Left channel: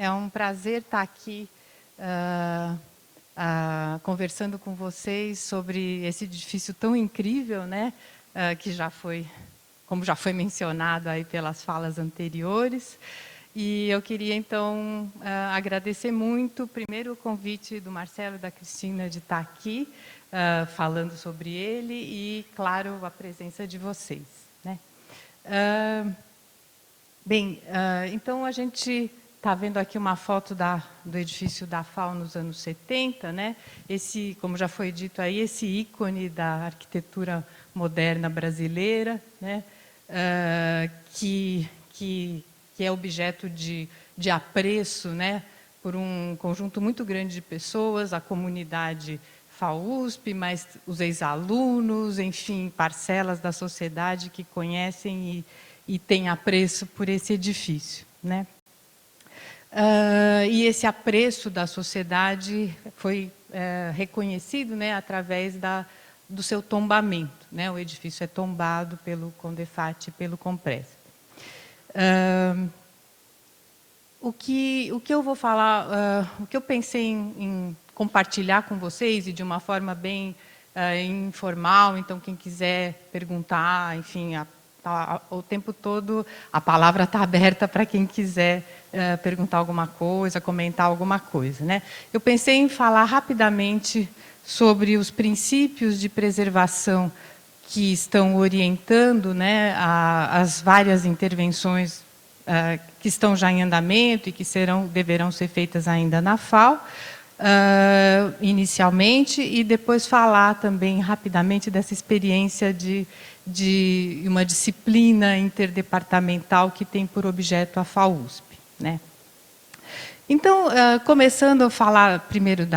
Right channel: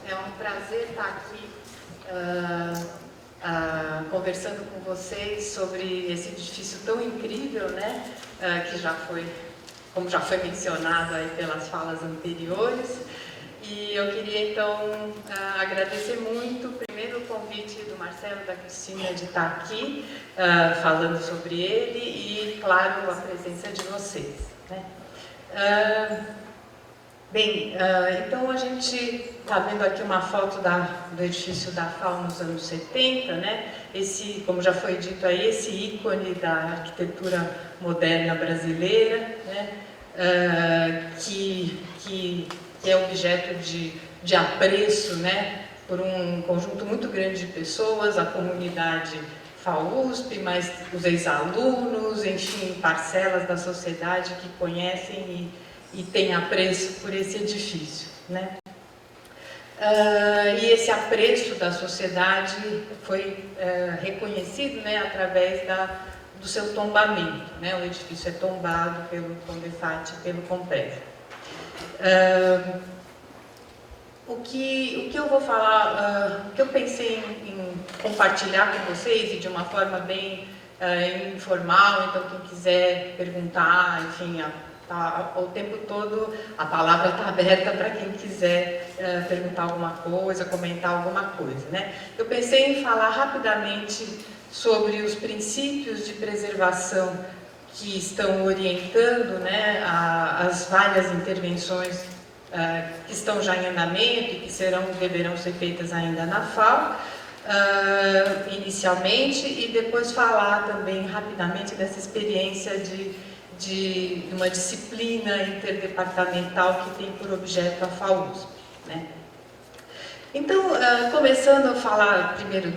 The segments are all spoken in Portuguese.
É um prazer estar aqui conversando com vocês sobre esse edifício tão incrível, né? Que já foi, como já foi mencionado aí pelas falas anteriores. E eu queria, então, agradecer muito, primeiro, o convite do Marcelo e da Cristina de estar aqui, falando sobre ele e, claro, a presença de vocês, né? Então a gente está vendo aqui uma foto do edifício da FAO nos anos 70, né? Esse, como já foi dito aí, esse ícone da arquitetura moderna brasileira, né? Que é objeto de apreço, né? Por um conjunto muito grande de pessoas, a comunidade FAUSP, mas os ex-alunos, enfim, parcelas da sociedade que conhecem e tem apreço por esse edifício, né? E esse apreço da sociedade foi reconhecido, né, através do seu tombamento, né? O edifício é tombado pelo Condefat e pelo Comprev. O que eu vou falar, o que eu pensei em compartilhar com vocês, e de uma forma bem informal, então quem quiser perguntar, enfim, o tempo todo a palavra está aberta para quem quiser perguntar alguma coisa, comentar alguma coisa, né? Eu pensei em falar rapidamente sobre os princípios de preservação que estão orientando, né, as várias intervenções que estão já em andamento e que deverão ser feitas ainda na FAO, inicialmente, e depois falar também rapidamente dessa experiência de uma disciplina interdepartamental que tem por objeto a FAUSP, né? Então, começando a falar primeiro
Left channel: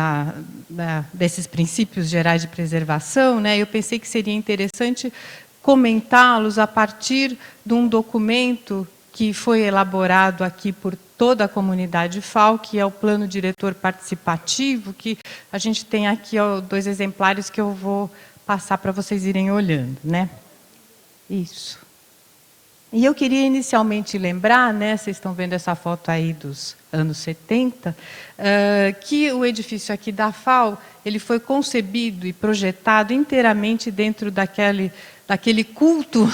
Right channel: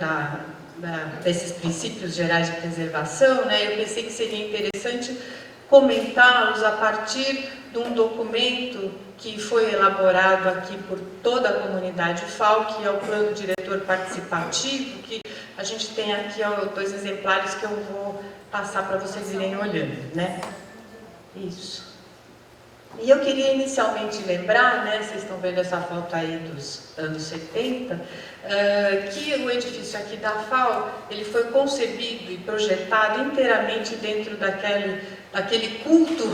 desses princípios gerais de preservação, né, eu pensei que seria interessante comentá-los a partir de um documento que foi elaborado aqui por toda a comunidade FAO, que é o Plano Diretor Participativo, que a gente tem aqui 2 exemplares que eu vou passar para vocês irem olhando, né? Isso. E eu queria inicialmente lembrar, né, vocês estão vendo essa foto aí dos anos 70, que o edifício aqui da FAO, ele foi concebido e projetado inteiramente dentro daquele culto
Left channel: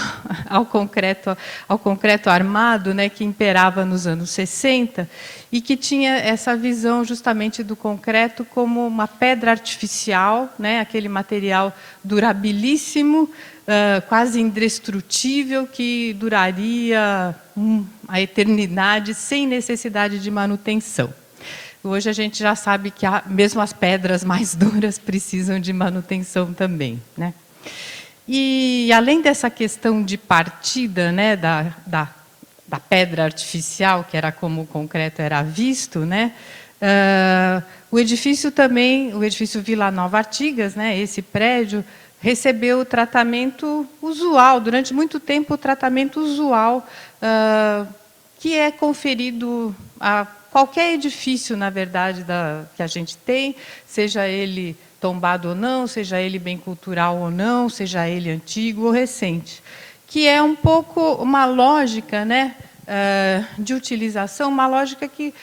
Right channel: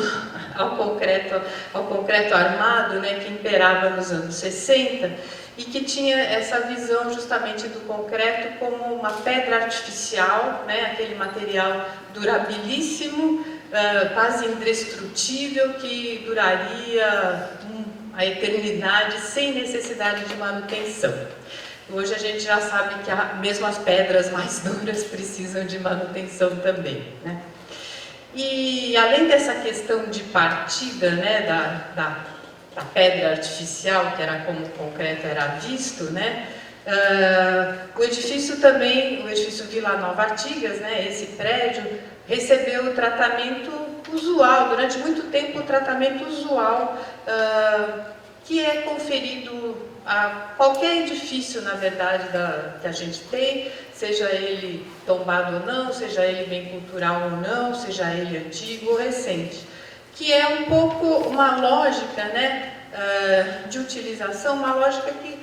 ao concreto armado, né, que imperava nos anos 60 e que tinha essa visão justamente do concreto como uma pedra artificial, né, aquele material durabilíssimo, quase indestrutível, que duraria a eternidade sem necessidade de manutenção. Hoje a gente já sabe que mesmo as pedras mais duras precisam de manutenção também, né? E além dessa questão de partida, né, da pedra artificial, que era como o concreto era visto, né, o edifício Vila Nova Artigas, né, esse prédio, recebeu o tratamento usual, durante muito tempo o tratamento usual que é conferido a qualquer edifício, na verdade, que a gente tem, seja ele tombado ou não, seja ele bem cultural ou não, seja ele antigo ou recente, que é um pouco uma lógica, né, de utilização, uma lógica que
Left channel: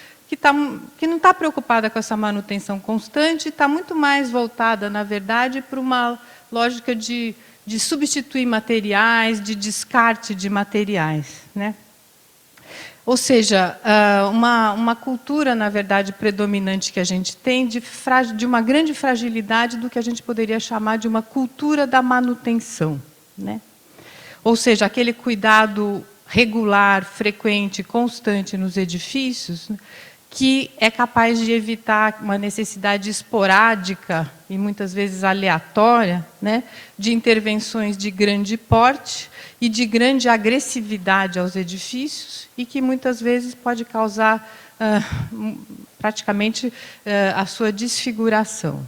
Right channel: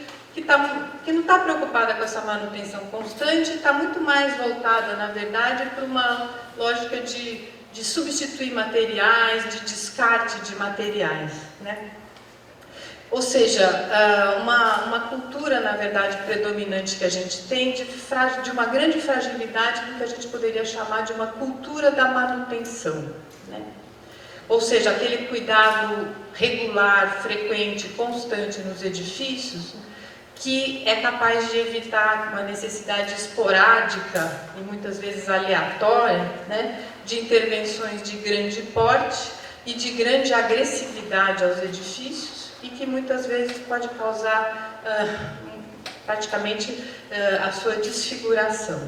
não está preocupada com essa manutenção constante, está muito mais voltada, na verdade, para uma lógica de substituir materiais, de descarte de materiais, né? Ou seja, uma cultura, na verdade, predominante que a gente tem de uma grande fragilidade do que a gente poderia chamar de uma cultura da manutenção, né? Ou seja, aquele cuidado regular, frequente, constante nos edifícios, que é capaz de evitar uma necessidade esporádica e muitas vezes aleatória, né, de intervenções de grande porte e de grande agressividade aos edifícios e que muitas vezes pode causar praticamente a sua desfiguração.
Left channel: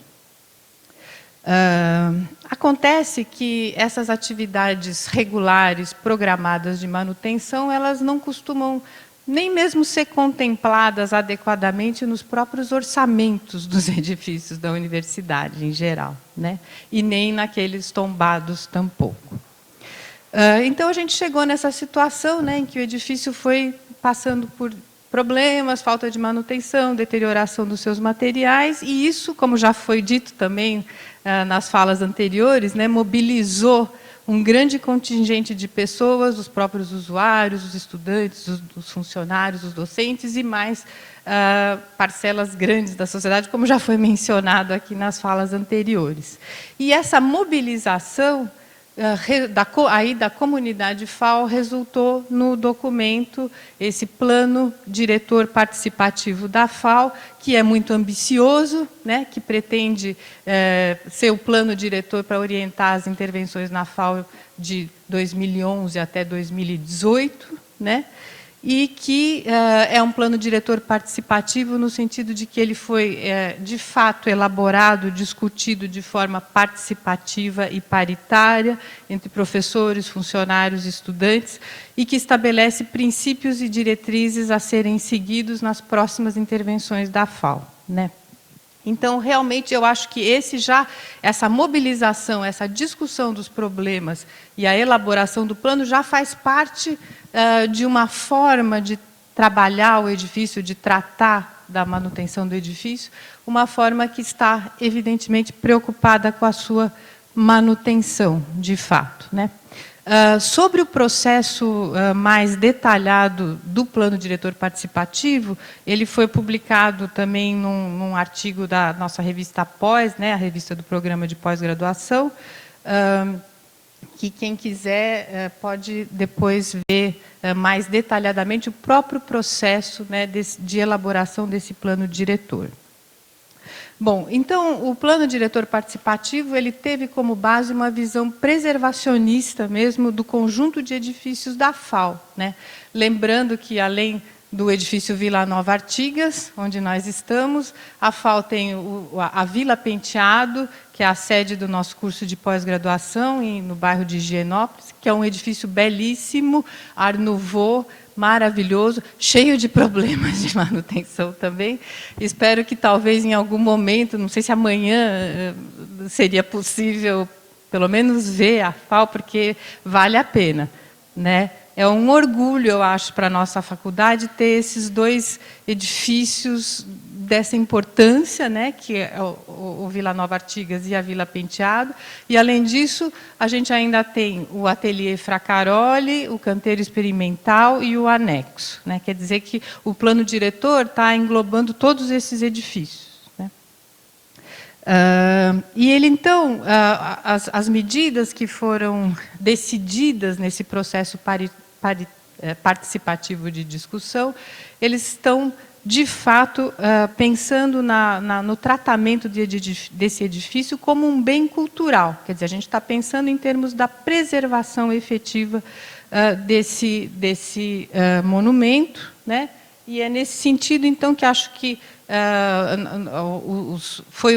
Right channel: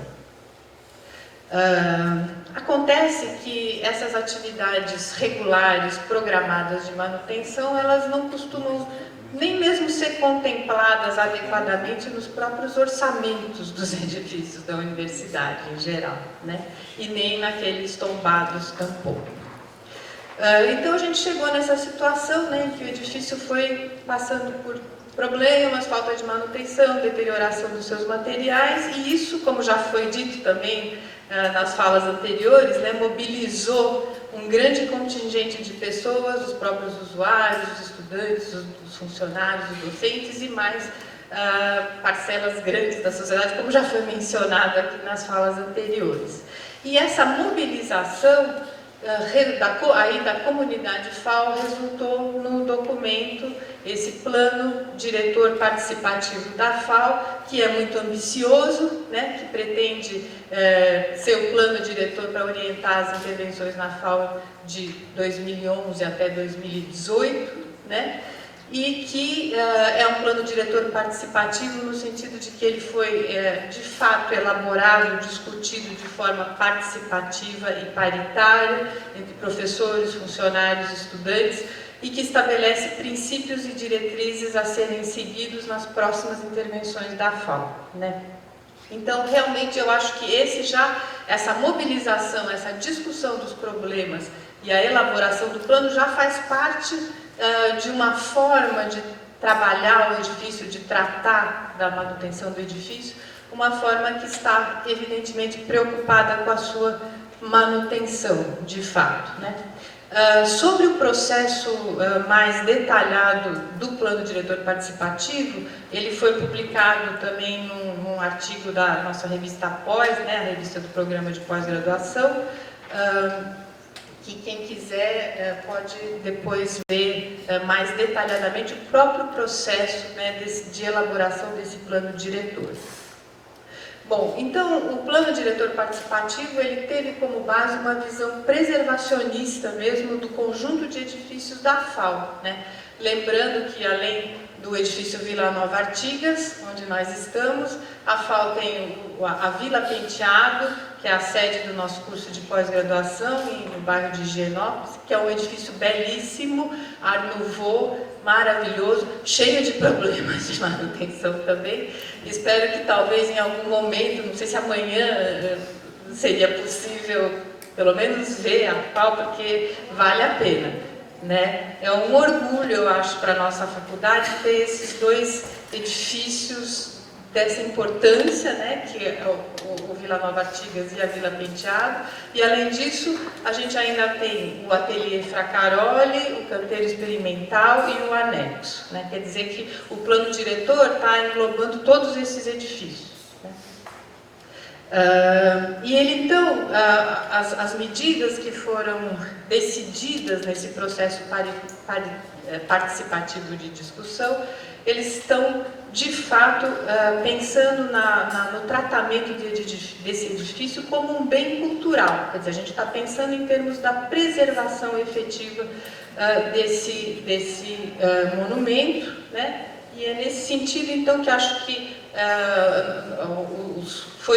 Acontece que essas atividades regulares, programadas de manutenção, elas não costumam nem mesmo ser contempladas adequadamente nos próprios orçamentos dos edifícios da universidade em geral, né? E nem naqueles tombados tampouco. Então a gente chegou nessa situação, né, em que o edifício foi passando por problemas, falta de manutenção, deterioração dos seus materiais, e isso, como já foi dito também nas falas anteriores, né, mobilizou um grande contingente de pessoas, os próprios usuários, os estudantes, os funcionários, os docentes e mais parcelas grandes da sociedade, como já foi mencionado aqui nas falas anteriores. E essa mobilização da comunidade FAO resultou no documento, esse plano diretor participativo da FAO, que é muito ambicioso, né, que pretende ser o plano diretor para orientar as intervenções na FAO de 2011 até 2018, né, e que é um plano diretor participativo no sentido de que ele foi, de fato, elaborado, discutido de forma participativa e paritária entre professores, funcionários, estudantes, e que estabelece princípios e diretrizes a serem seguidos nas próximas intervenções da FAO, né? Então, realmente, eu acho que essa mobilização, essa discussão dos problemas e a elaboração do plano já faz parte de uma forma de trabalhar o edifício, de tratar da manutenção do edifício, uma forma que está, evidentemente, preocupada com a sua manutenção, de fato, né? Sobre o processo mais detalhado do plano diretor participativo, ele foi publicado também num artigo da nossa revista Pós, né, a revista do programa de pós-graduação, que quem quiser pode depois ver mais detalhadamente o próprio processo, né, de elaboração desse plano diretor. Bom, então, o plano diretor participativo, ele teve como base uma visão preservacionista mesmo do conjunto de edifícios da FAO, né? Lembrando que, além do edifício Vila Nova Artigas, onde nós estamos, a FAO tem a Vila Penteado, que é a sede do nosso curso de pós-graduação, no bairro de Higienópolis, que é um edifício belíssimo, Art Nouveau, maravilhoso, cheio de problemas de manutenção também. Espero que talvez em algum momento, não sei se amanhã seria possível, pelo menos ver a FAO, porque vale a pena, né? É um orgulho, eu acho, para a nossa faculdade ter esses dois edifícios dessa importância, né, que é o Vila Nova Artigas e a Vila Penteado. E, além disso, a gente ainda tem o Ateliê Fracaroli, o Canteiro Experimental e o Anexo, né? Quer dizer que o plano diretor está englobando todos esses edifícios, né? E ele, então, as medidas que foram decididas nesse processo participativo de discussão, eles estão, de fato, pensando no tratamento desse edifício como um bem cultural. Quer dizer, a gente está pensando em termos da preservação efetiva desse monumento, né? E é nesse sentido, então, que acho que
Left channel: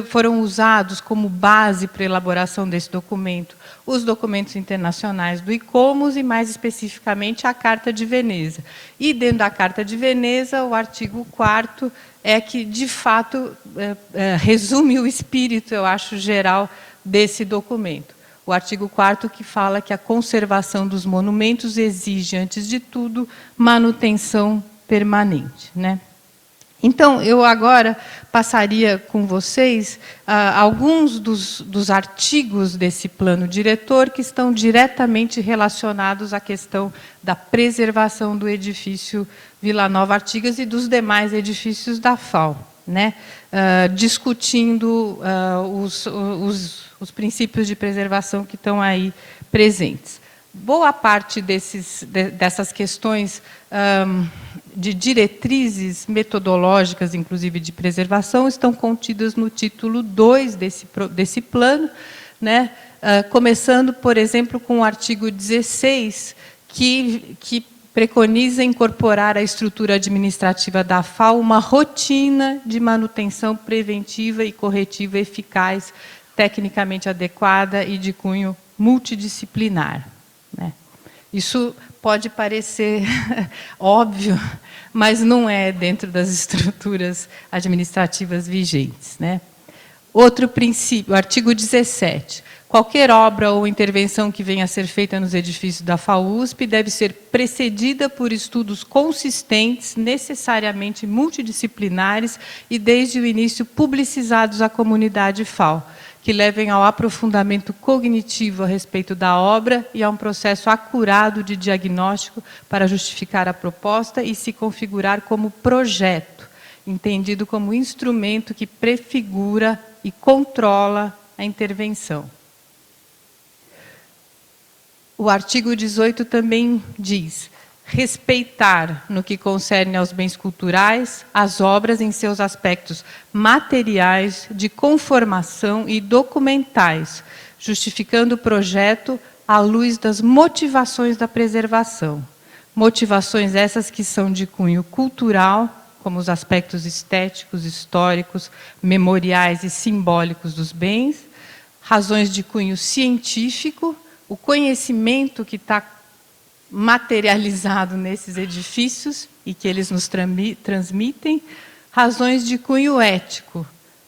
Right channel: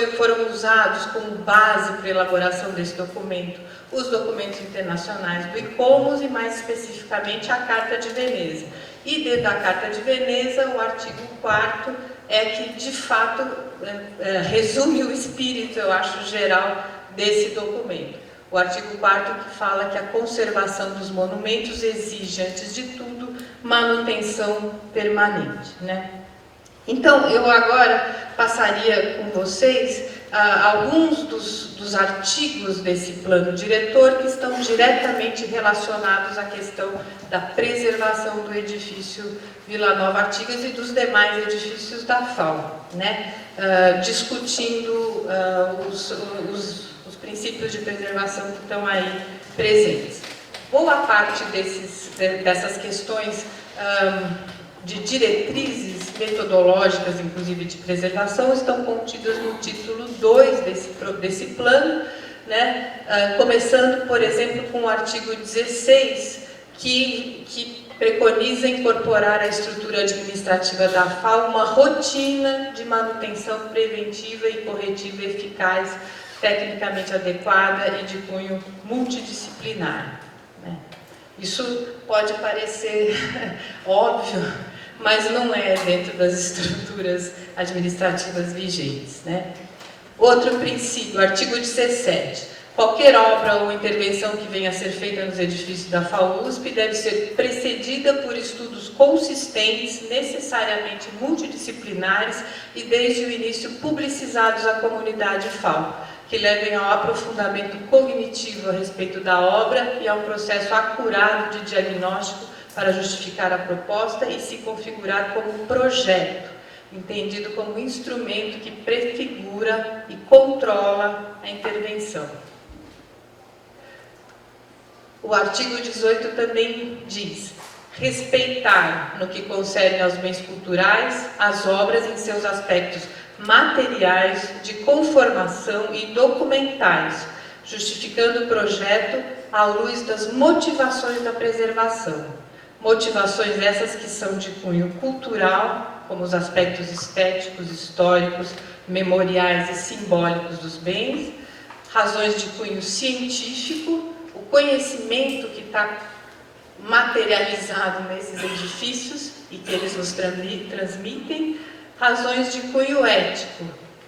foram usados como base para a elaboração desse documento os documentos internacionais do ICOMOS e, mais especificamente, a Carta de Veneza. E, dentro da Carta de Veneza, o artigo 4º é que, de fato, resume o espírito, eu acho, geral desse documento. O artigo 4º que fala que a conservação dos monumentos exige, antes de tudo, manutenção permanente, né? Então, eu agora passaria com vocês alguns dos artigos desse plano diretor que estão diretamente relacionados à questão da preservação do edifício Vila Nova Artigas e dos demais edifícios da FAO, né? Discutindo os princípios de preservação que estão aí presentes. Boa parte dessas questões de diretrizes metodológicas, inclusive de preservação, estão contidas no título 2 desse plano, né? Começando, por exemplo, com o artigo 16, que preconiza incorporar à estrutura administrativa da FAO uma rotina de manutenção preventiva e corretiva eficaz, tecnicamente adequada e de cunho multidisciplinar, né? Isso pode parecer óbvio, mas não é dentro das estruturas administrativas vigentes, né? Outro princípio, artigo 17. Qualquer obra ou intervenção que venha a ser feita nos edifícios da FAUSP deve ser precedida por estudos consistentes, necessariamente multidisciplinares e, desde o início, publicizados à comunidade FAU, que levem ao aprofundamento cognitivo a respeito da obra e a um processo acurado de diagnóstico para justificar a proposta e se configurar como projeto, entendido como instrumento que prefigura e controla a intervenção. O artigo 18 também diz: respeitar, no que concerne aos bens culturais, as obras em seus aspectos materiais, de conformação e documentais, justificando o projeto à luz das motivações da preservação. Motivações essas que são de cunho cultural, como os aspectos estéticos, históricos, memoriais e simbólicos dos bens, razões de cunho científico, o conhecimento que está materializado nesses edifícios e que eles nos transmitem, razões de cunho ético,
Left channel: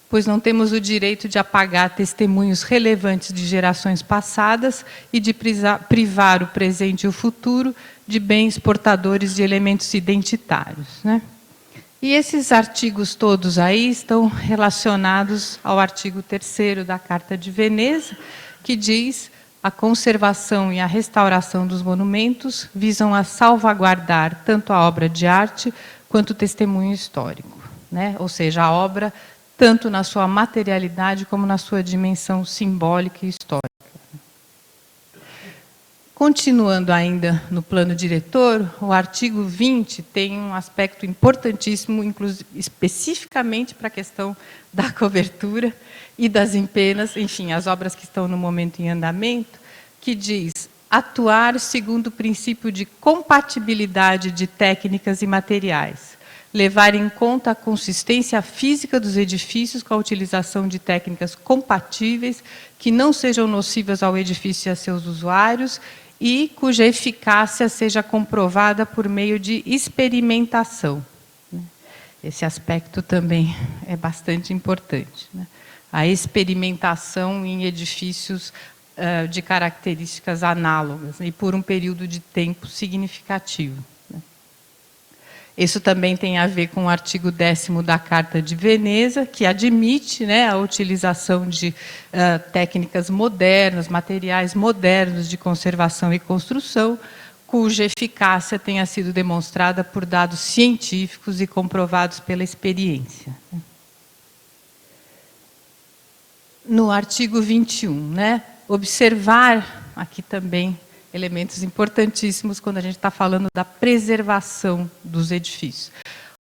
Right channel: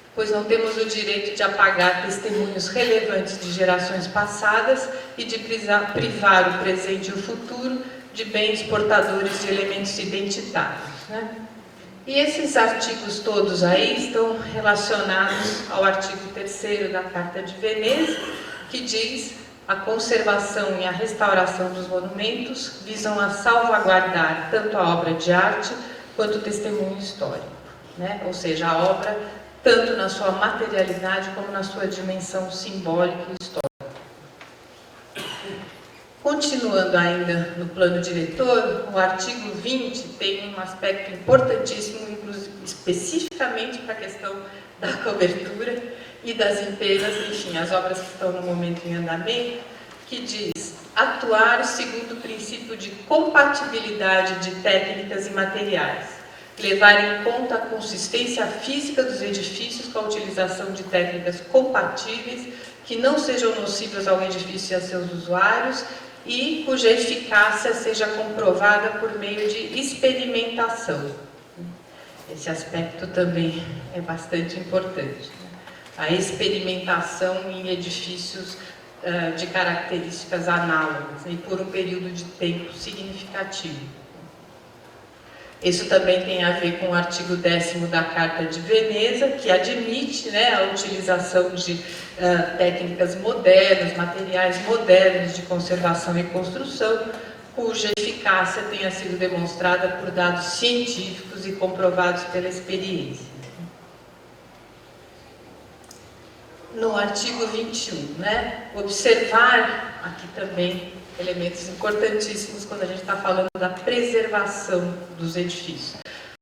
pois não temos o direito de apagar testemunhos relevantes de gerações passadas e de privar o presente e o futuro de bens portadores de elementos identitários, né? E esses artigos todos aí estão relacionados ao artigo 3º da Carta de Veneza, que diz: a conservação e a restauração dos monumentos visam a salvaguardar tanto a obra de arte quanto o testemunho histórico, né? Ou seja, a obra tanto na sua materialidade como na sua dimensão simbólica e histórica. Continuando ainda no plano diretor, o artigo 20 tem um aspecto importantíssimo, especificamente para a questão da cobertura e das empenas, enfim, as obras que estão no momento em andamento, que diz: atuar segundo o princípio de compatibilidade de técnicas e materiais, levar em conta a consistência física dos edifícios com a utilização de técnicas compatíveis que não sejam nocivas ao edifício e a seus usuários e cuja eficácia seja comprovada por meio de experimentação. Esse aspecto também é bastante importante, né? A experimentação em edifícios de características análogas e por um período de tempo significativo. Isso também tem a ver com o artigo 10º da Carta de Veneza, que admite, né, a utilização de técnicas modernas, materiais modernos de conservação e construção, cuja eficácia tenha sido demonstrada por dados científicos e comprovados pela experiência. No artigo 21, né, observar, aqui também, elementos importantíssimos quando a gente está falando da preservação dos edifícios.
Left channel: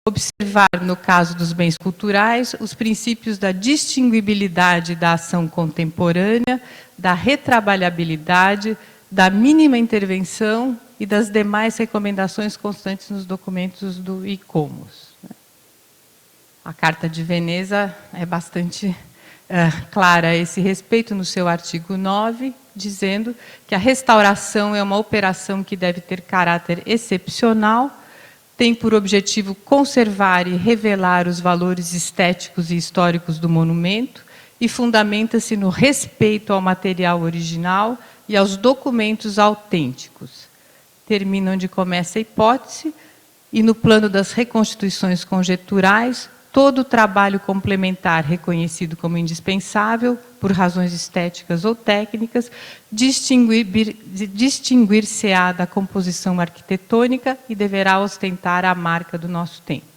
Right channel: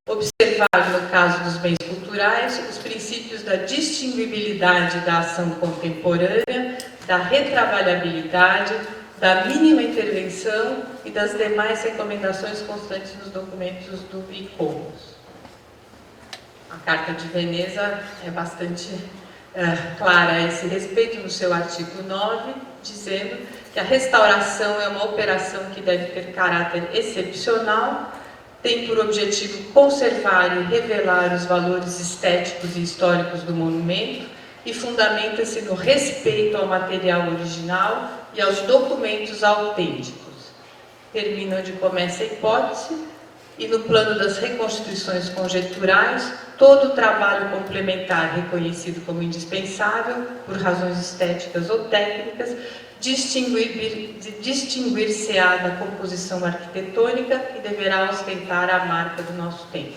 Observar, no caso dos bens culturais, os princípios da distinguibilidade da ação contemporânea, da retrabalhabilidade, da mínima intervenção e das demais recomendações constantes nos documentos do ICOMOS. A Carta de Veneza é bastante clara a esse respeito no seu artigo 9, dizendo que a restauração é uma operação que deve ter caráter excepcional, tem por objetivo conservar e revelar os valores estéticos e históricos do monumento e fundamenta-se no respeito ao material original e aos documentos autênticos. Termina onde começa a hipótese e no plano das reconstituições conjecturais, todo o trabalho complementar reconhecido como indispensável, por razões estéticas ou técnicas, distinguir-se-á da composição arquitetônica e deverá ostentar a marca do nosso tempo.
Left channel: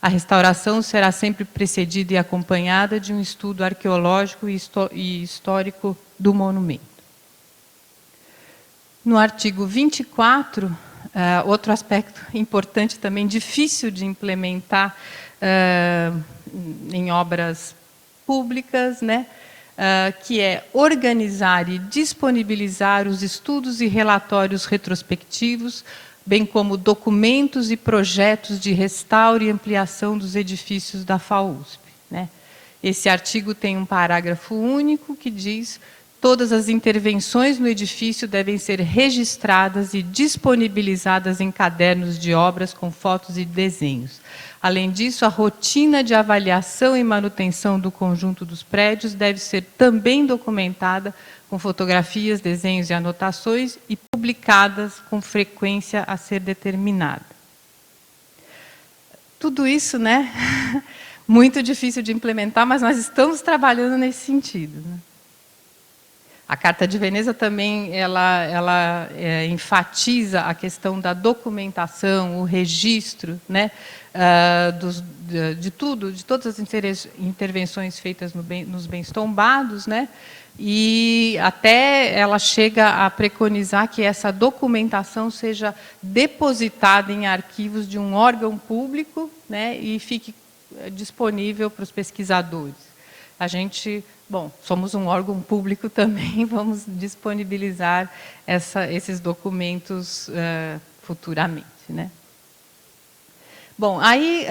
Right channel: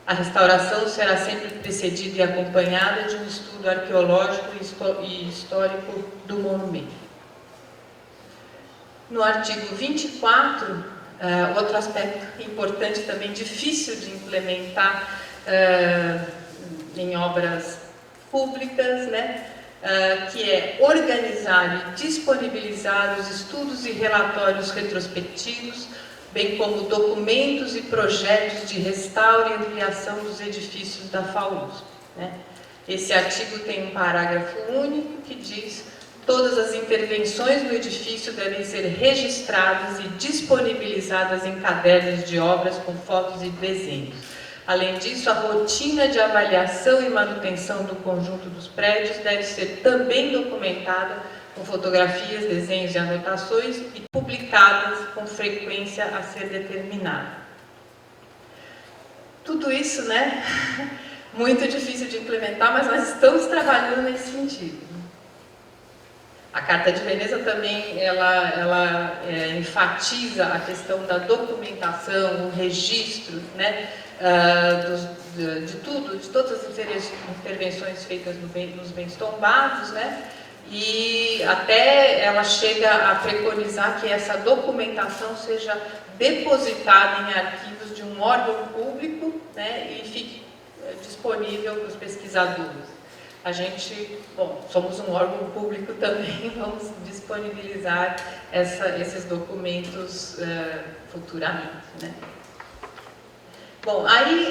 A restauração será sempre precedida e acompanhada de um estudo arqueológico e histórico do monumento. No artigo 24, outro aspecto importante também, difícil de implementar em obras públicas, né? Que é organizar e disponibilizar os estudos e relatórios retrospectivos, bem como documentos e projetos de restauro e ampliação dos edifícios da FAUSP, né? Esse artigo tem um parágrafo único que diz: todas as intervenções no edifício devem ser registradas e disponibilizadas em cadernos de obras com fotos e desenhos. Além disso, a rotina de avaliação e manutenção do conjunto dos prédios deve ser também documentada com fotografias, desenhos e anotações e publicadas com frequência a ser determinada. Tudo isso, né, muito difícil de implementar, mas nós estamos trabalhando nesse sentido. A Carta de Veneza também ela enfatiza a questão da documentação, o registro, né, de todas as intervenções feitas nos bens tombados, né, e até ela chega a preconizar que essa documentação seja depositada em arquivos de um órgão público, né, e fique disponível para os pesquisadores. A gente, bom, somos um órgão público também, vamos disponibilizar esses documentos futuramente, né? Bom, aí,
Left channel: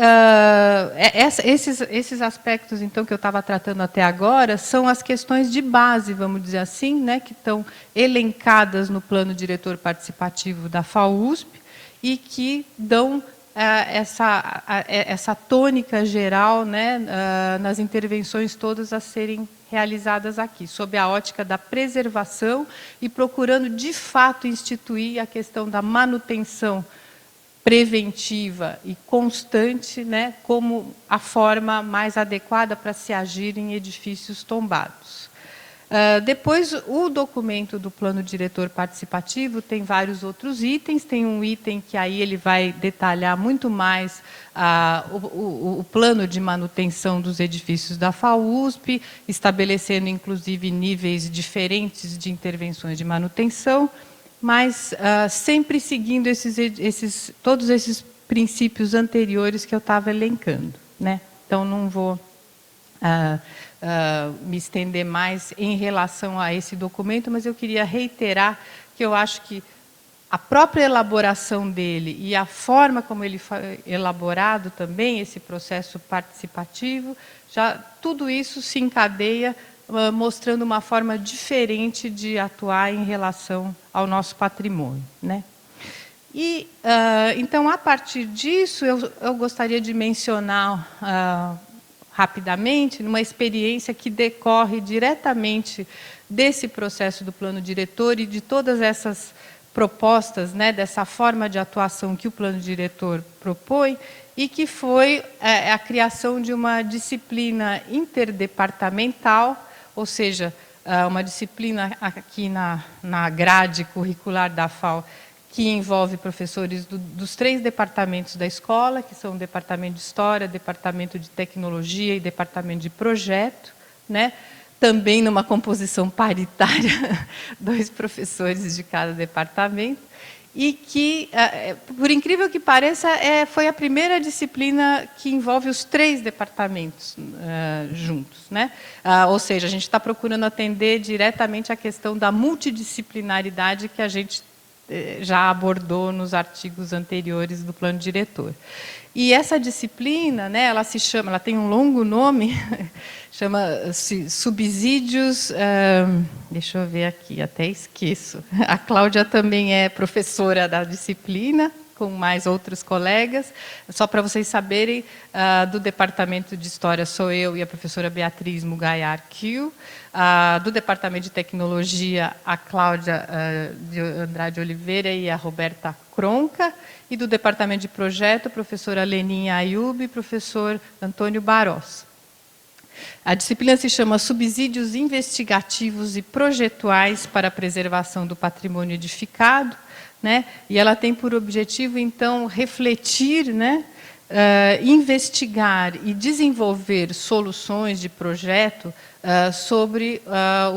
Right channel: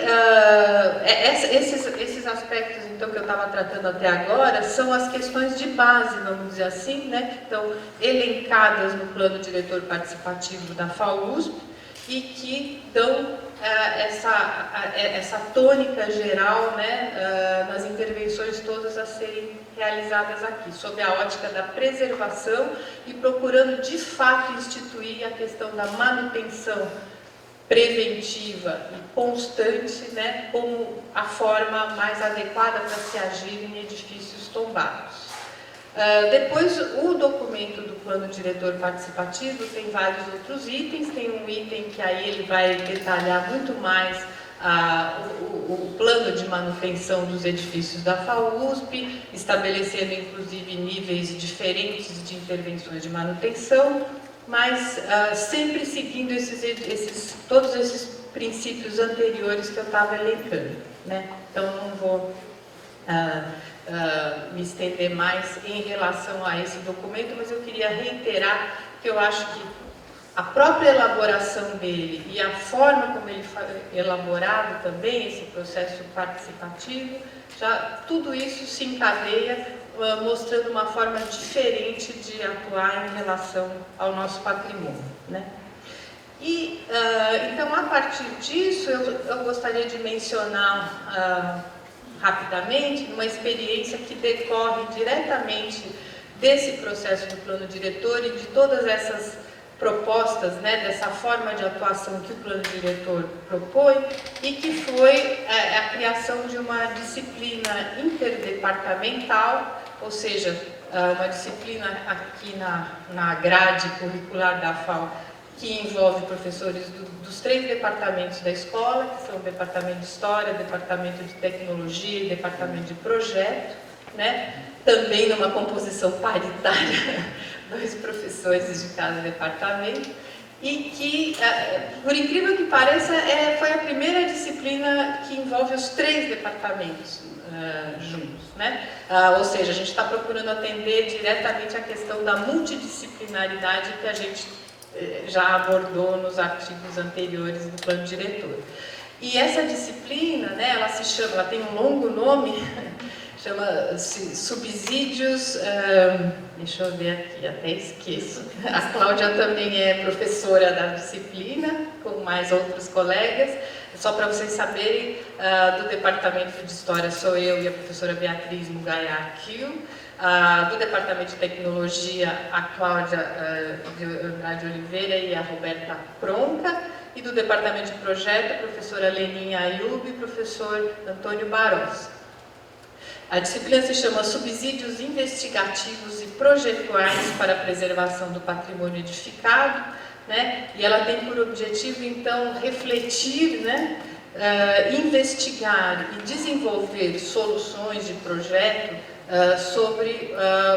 esses aspectos, então, que eu estava tratando até agora, são as questões de base, vamos dizer assim, né, que estão elencadas no plano diretor participativo da FAUSP e que dão essa tônica geral, né, nas intervenções todas a serem realizadas aqui, sob a ótica da preservação e procurando, de fato, instituir a questão da manutenção preventiva e constante, né, como a forma mais adequada para se agir em edifícios tombados. Depois, o documento do plano diretor participativo tem vários outros itens, tem um item que aí ele vai detalhar muito mais o plano de manutenção dos edifícios da FAUSP, estabelecendo inclusive níveis diferentes de intervenções de manutenção, mas sempre seguindo todos esses princípios anteriores que eu estava elencando, né? Então, não vou me estender mais em relação a esse documento, mas eu queria reiterar que eu acho que a própria elaboração dele e a forma como ele foi elaborado também, esse processo participativo, tudo isso se encadeia mostrando uma forma diferente de atuar em relação ao nosso patrimônio, né? E, então, a partir disso, eu gostaria de mencionar rapidamente uma experiência que decorre diretamente desse processo do plano diretor e de todas essas propostas, né, dessa forma de atuação que o plano diretor propõe, e que foi a criação de uma disciplina interdepartamental, ou seja, uma disciplina aqui na grade curricular da FAU, que envolve professores dos 3 departamentos da escola, que são o departamento de História, o departamento de Tecnologia e o departamento de Projeto, né? Também numa composição paritária, 2 professores de cada departamento, e que, por incrível que pareça, foi a primeira disciplina que envolve os 3 departamentos juntos, né? Ou seja, a gente está procurando atender diretamente a questão da multidisciplinaridade que a gente já abordou nos artigos anteriores do plano diretor. E essa disciplina, né, ela tem um longo nome, chama-se Subsídios, deixa eu ver aqui, até esqueço. A Cláudia também é professora da disciplina, com mais outros colegas. Só para vocês saberem, do Departamento de História sou eu e a professora Beatriz Mugaiá-Kiel. Do Departamento de Tecnologia, a Cláudia de Andrade Oliveira e a Roberta Cronca, e do Departamento de Projeto, a professora Leninha Ayub e o professor Antônio Barros. A disciplina se chama Subsídios Investigativos e Projetuais para a Preservação do Patrimônio Edificado, né? E ela tem por objetivo, então, refletir, né, investigar e desenvolver soluções de projeto sobre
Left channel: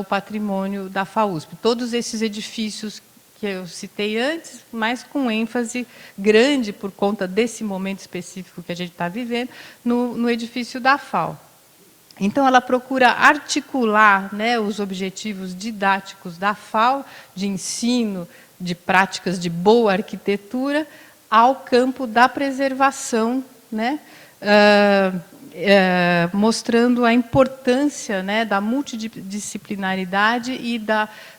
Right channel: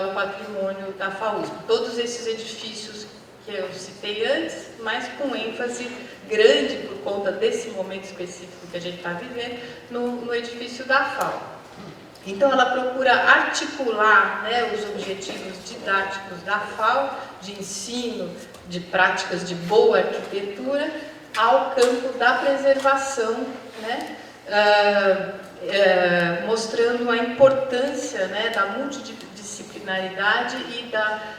o patrimônio da FAUSP. Todos esses edifícios que eu citei antes, mas com ênfase grande por conta desse momento específico que a gente está vivendo, no edifício da FAU. Então, ela procura articular, né, os objetivos didáticos da FAU, de ensino, de práticas de boa arquitetura, ao campo da preservação, né, mostrando a importância, né, da multidisciplinaridade e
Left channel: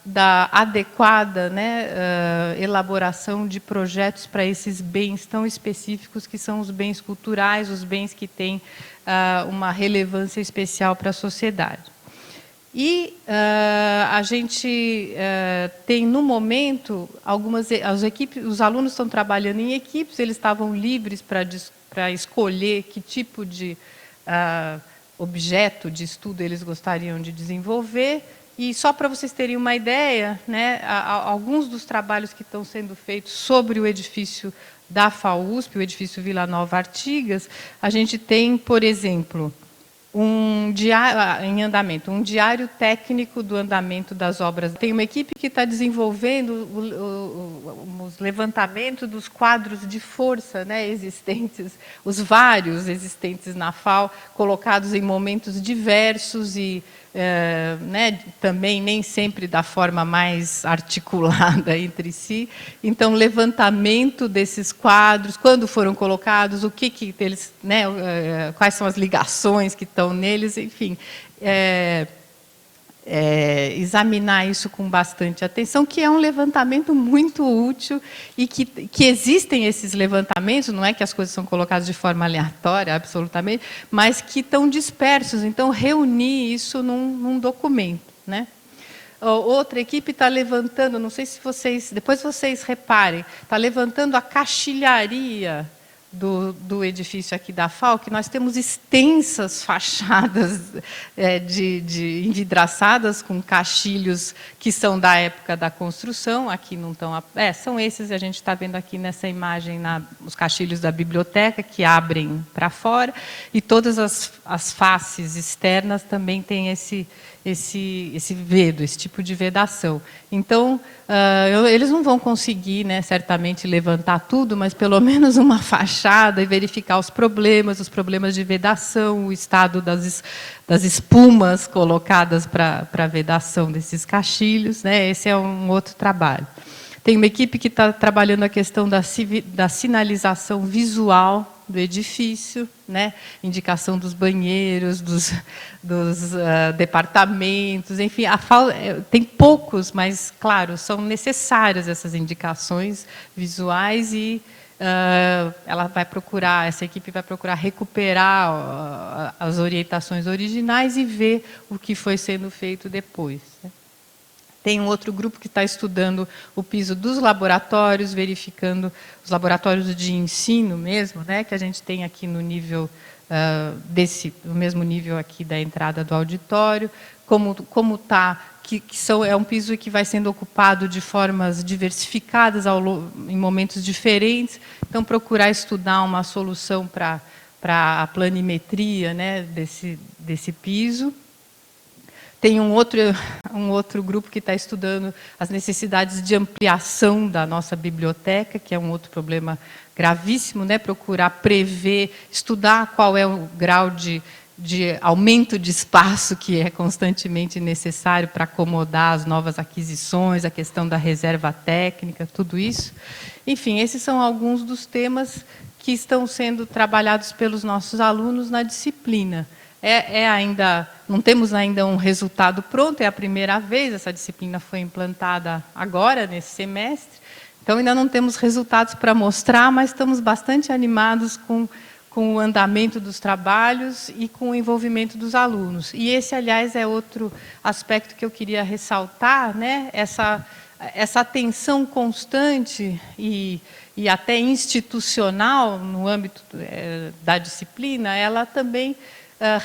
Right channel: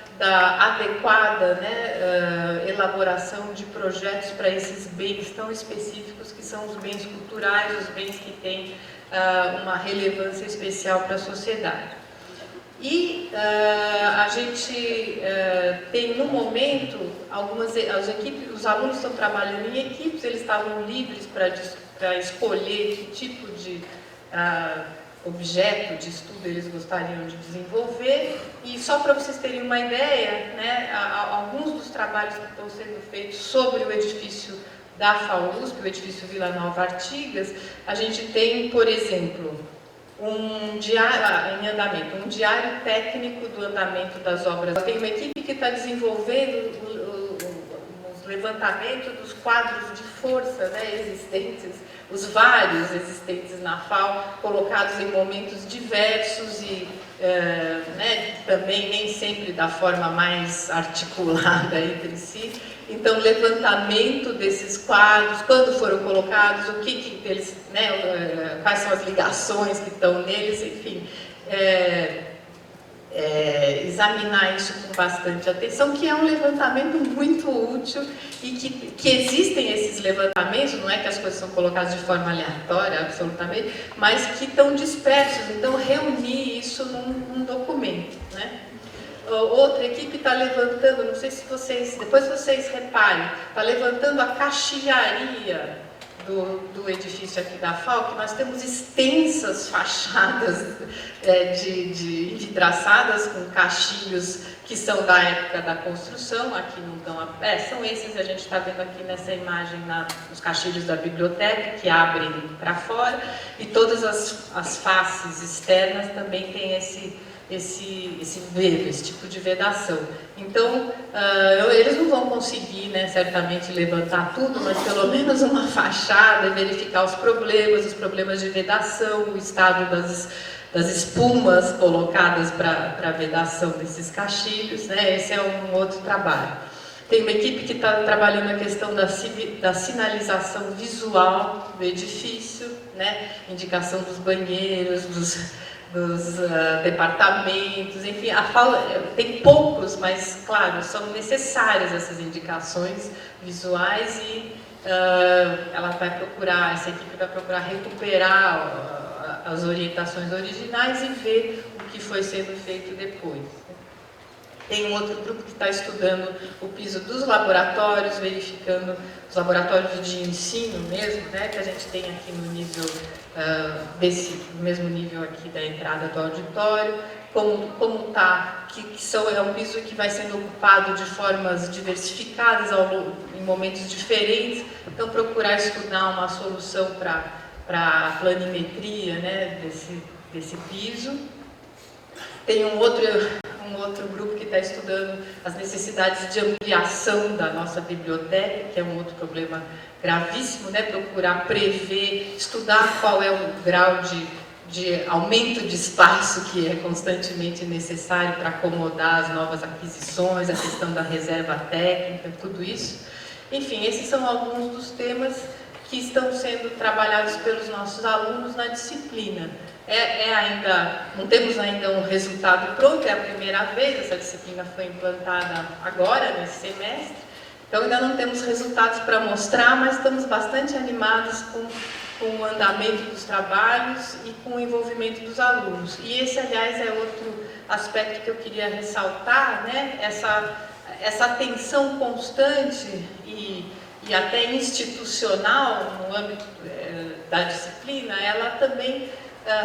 da adequada, né, elaboração de projetos para esses bens tão específicos que são os bens culturais, os bens que têm uma relevância especial para a sociedade. E a gente tem, no momento, os alunos estão trabalhando em equipes, eles estavam livres para escolher que tipo de objeto de estudo eles gostariam de desenvolver. E só para vocês terem uma ideia, né, alguns dos trabalhos que estão sendo feitos sobre o edifício da FAUSP, o edifício Vila Nova Artigas, a gente tem, por exemplo, um diário em andamento, um diário técnico do andamento das obras. Tem uma equipe que está desenvolvendo os levantamentos dos quadros de força, né, existentes, os vários existentes na FAO, colocados em momentos diversos e né, também nem sempre da forma mais articulada entre si. Então, levantamento desses quadros, quando foram colocados, o que eles, né, quais são as ligações que estão neles, enfim, examinar isso com bastante atenção, que é um levantamento muito útil e que existem esses levantamentos, não é que as coisas são colocadas de forma aleatória, absolutamente, mas que estão dispersos. Então, reunir isso num documento, né? Outra equipe está levantando, não sei se vocês, depois vocês reparem, está levantando a caixilharia do edifício aqui da FAO, que nós temos extensas fachadas de envidraçadas com caixilhos que são da época da construção. Aqui não estão, são esses que a gente está vendo aqui nessa imagem, os caixilhos da biblioteca que abrem para fora, e todas as faces externas também têm esse vedo, esse tipo de vedação. Então, eles não vão conseguir, né, certamente levantar tudo, mas pelo menos uma fachada e verificar os problemas de vedação, o estado das espumas colocadas para vedação desses caixilhos, né? Esse é um outro trabalho. Tem uma equipe que está trabalhando a questão da sinalização visual do edifício, né? Indicação dos banheiros, dos departamentos, enfim, tem poucos, mas, claro, são necessárias essas indicações visuais e essa equipe vai procurar recuperar as orientações originais e ver o que foi sendo feito depois. Tem um outro grupo que está estudando o piso dos laboratórios, verificando os laboratórios de ensino mesmo, né, que a gente tem aqui no nível no mesmo nível aqui da entrada do auditório, como está, é um piso que vai sendo ocupado de formas diversificadas em momentos diferentes. Então, procurar estudar uma solução para a planimetria, né, desse piso. Tem um outro grupo que está estudando as necessidades de ampliação da nossa biblioteca, que é um outro problema gravíssimo, né? Procurar prever, estudar qual é o grau de aumento de espaço que é constantemente necessário para acomodar as novas aquisições, a questão da reserva técnica, tudo isso. Enfim, esses são alguns dos temas que estão sendo trabalhados pelos nossos alunos na disciplina. Não temos ainda um resultado pronto, é a primeira vez, essa disciplina foi implantada agora, nesse semestre, então ainda não temos resultados para mostrar, mas estamos bastante animados com o andamento dos trabalhos e com o envolvimento dos alunos. E esse, aliás, é outro aspecto que eu queria ressaltar, né? Essa atenção constante e até institucional no âmbito da disciplina, ela também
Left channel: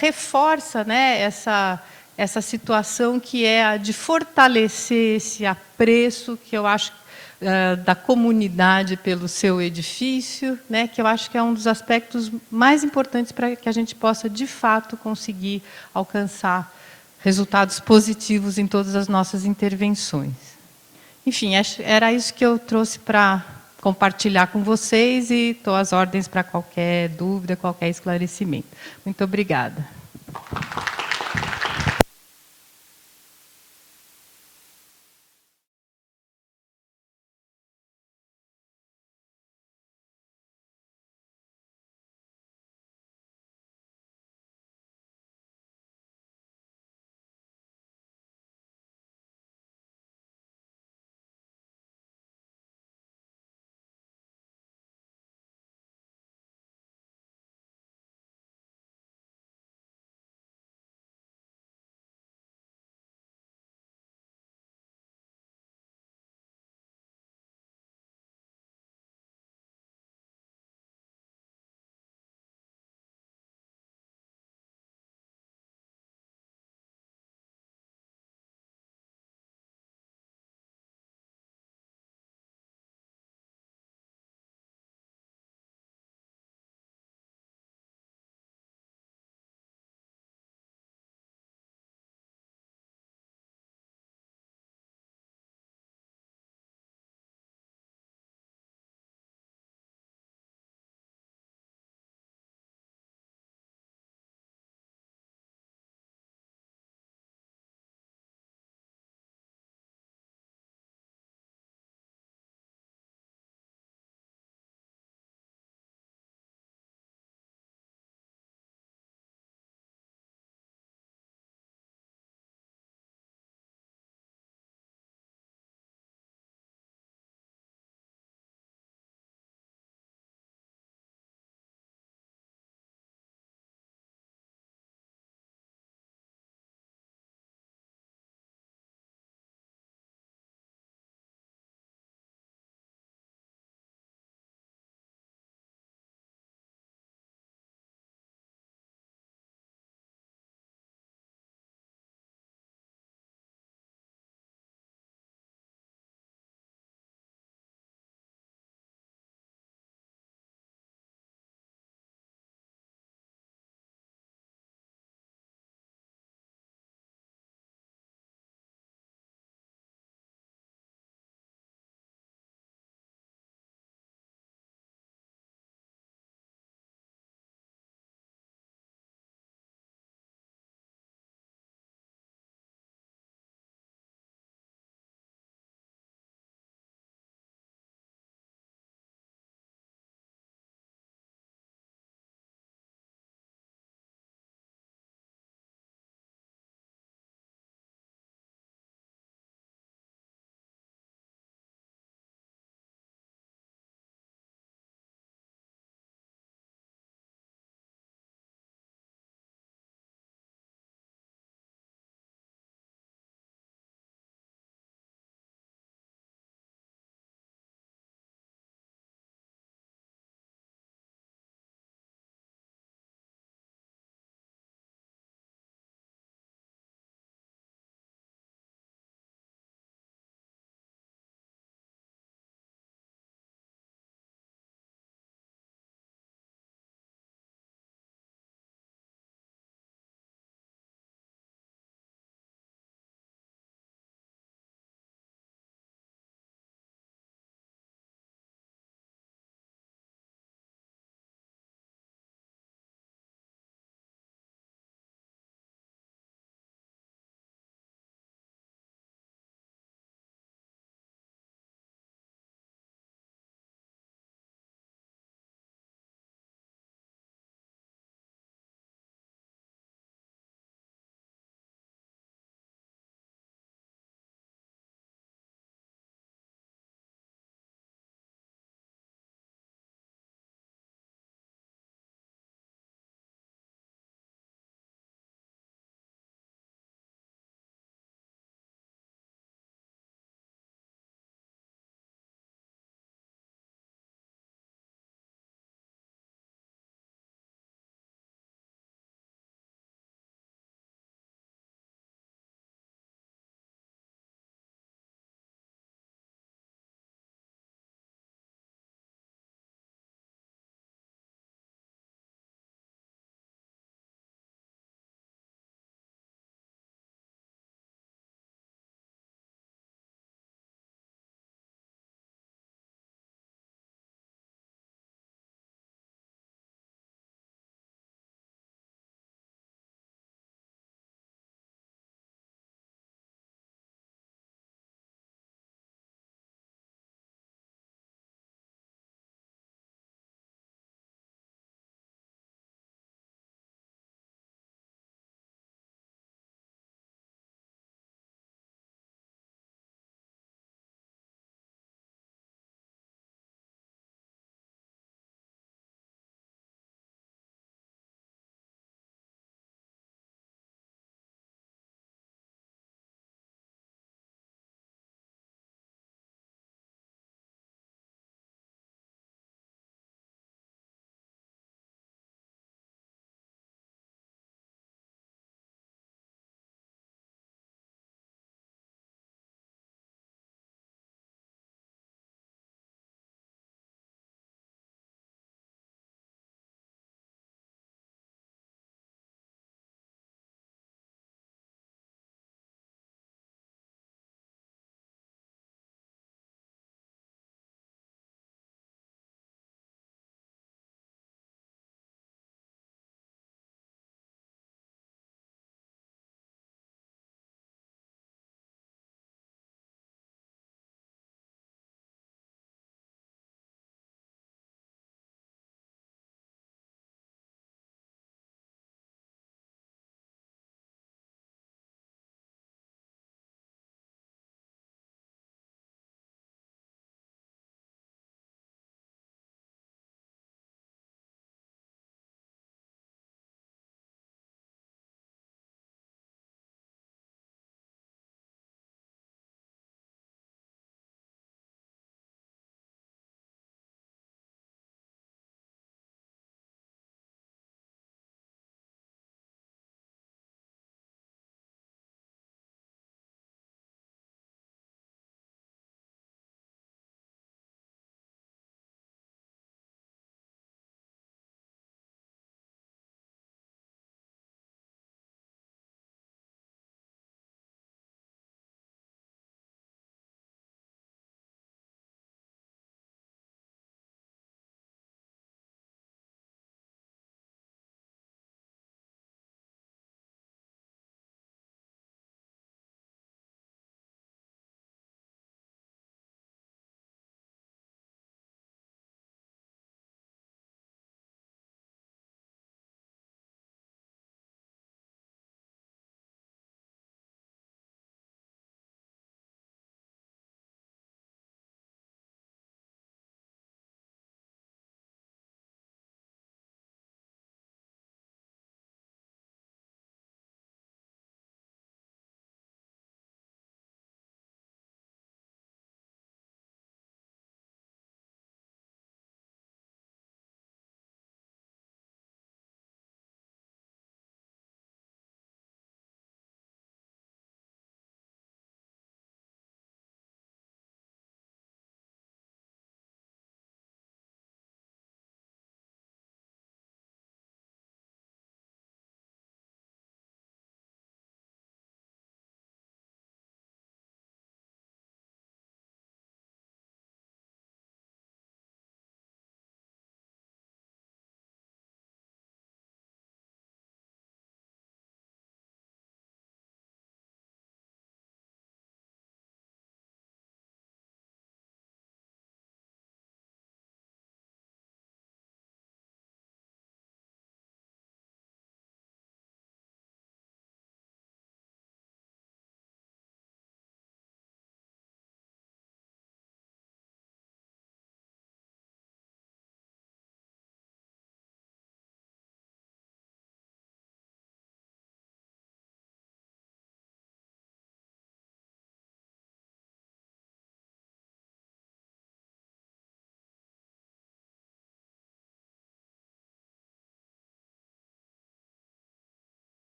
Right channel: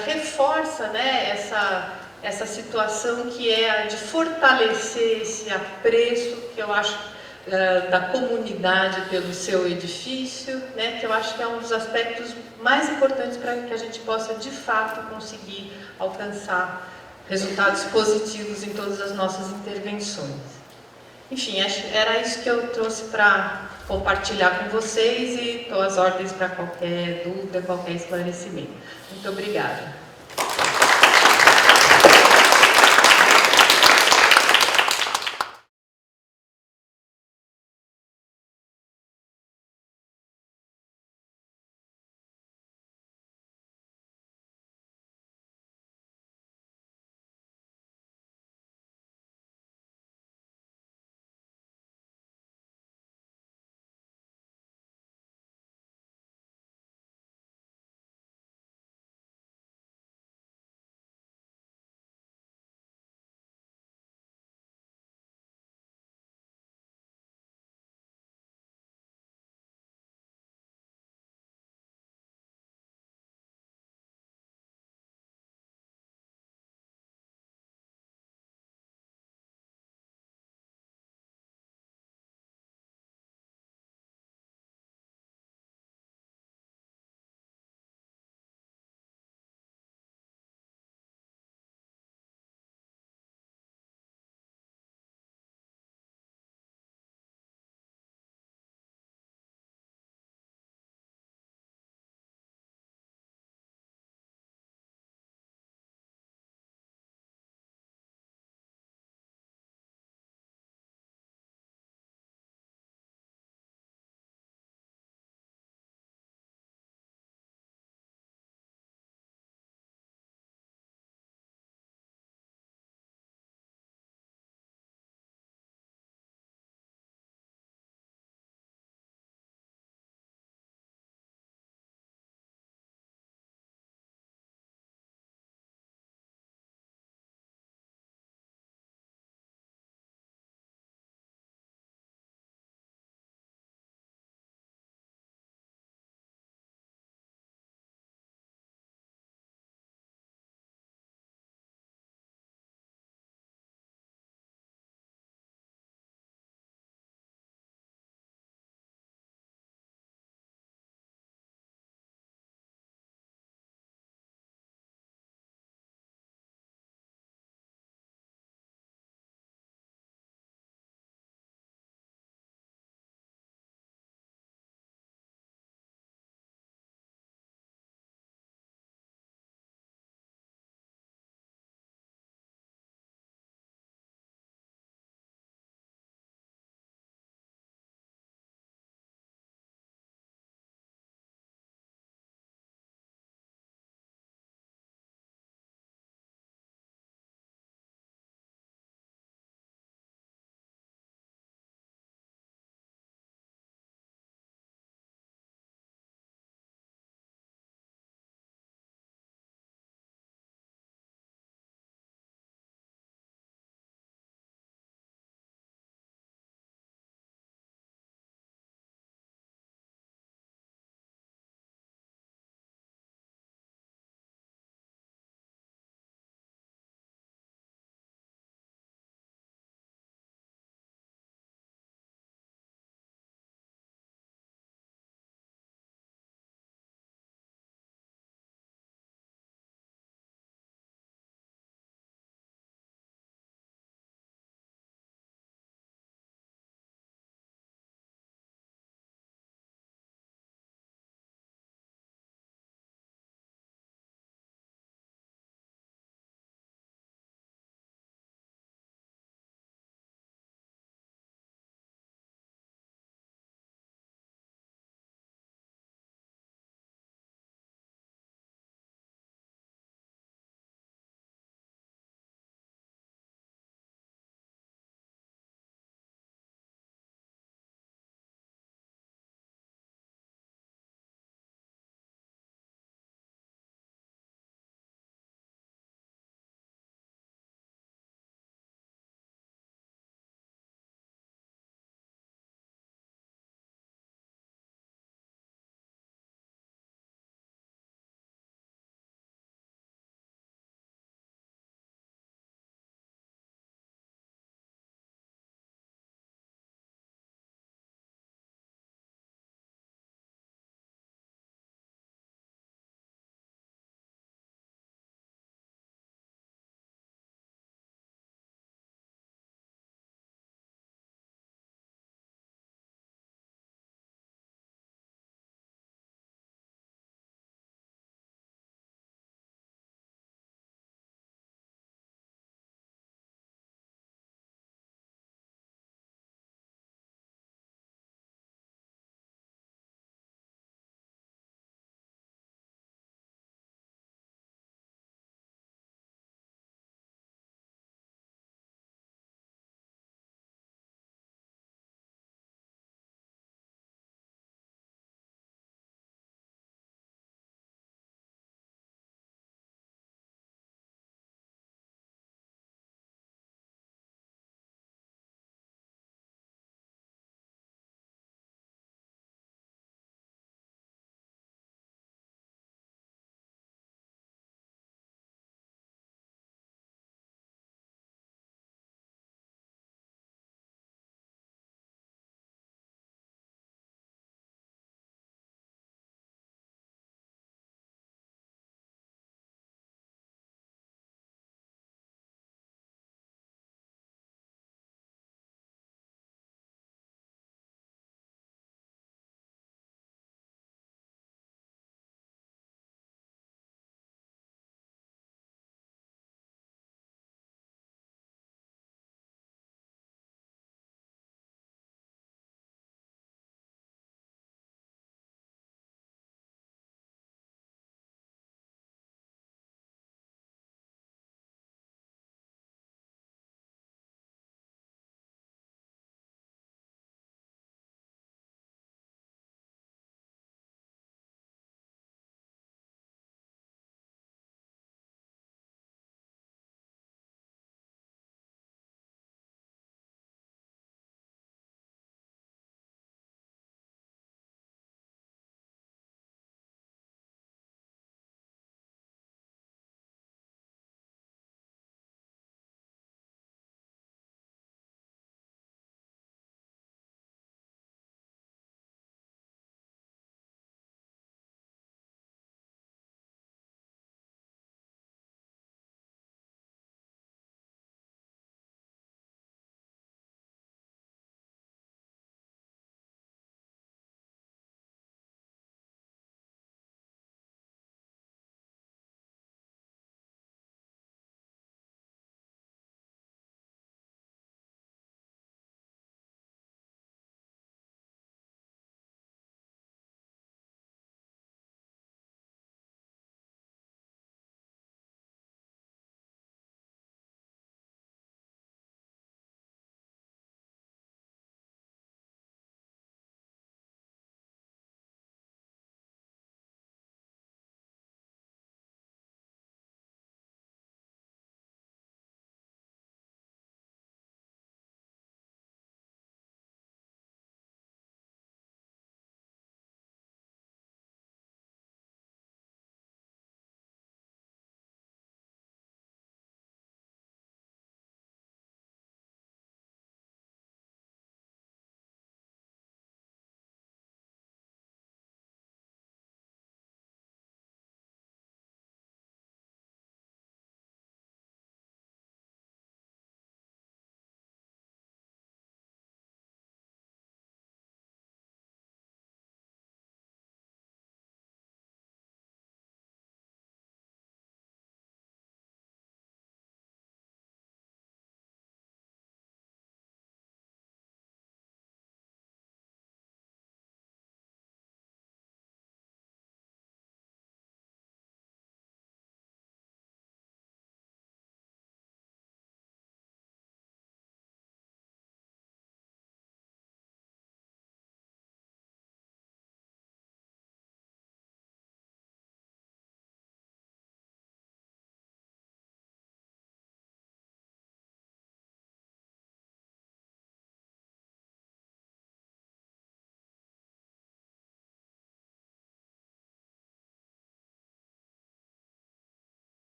reforça, né, essa situação que é a de fortalecer esse apreço que eu acho da comunidade pelo seu edifício, né, que eu acho que é um dos aspectos mais importantes para que a gente possa, de fato, conseguir alcançar resultados positivos em todas as nossas intervenções. Enfim, era isso que eu trouxe para compartilhar com vocês e estou às ordens para qualquer dúvida, qualquer esclarecimento. Muito obrigada.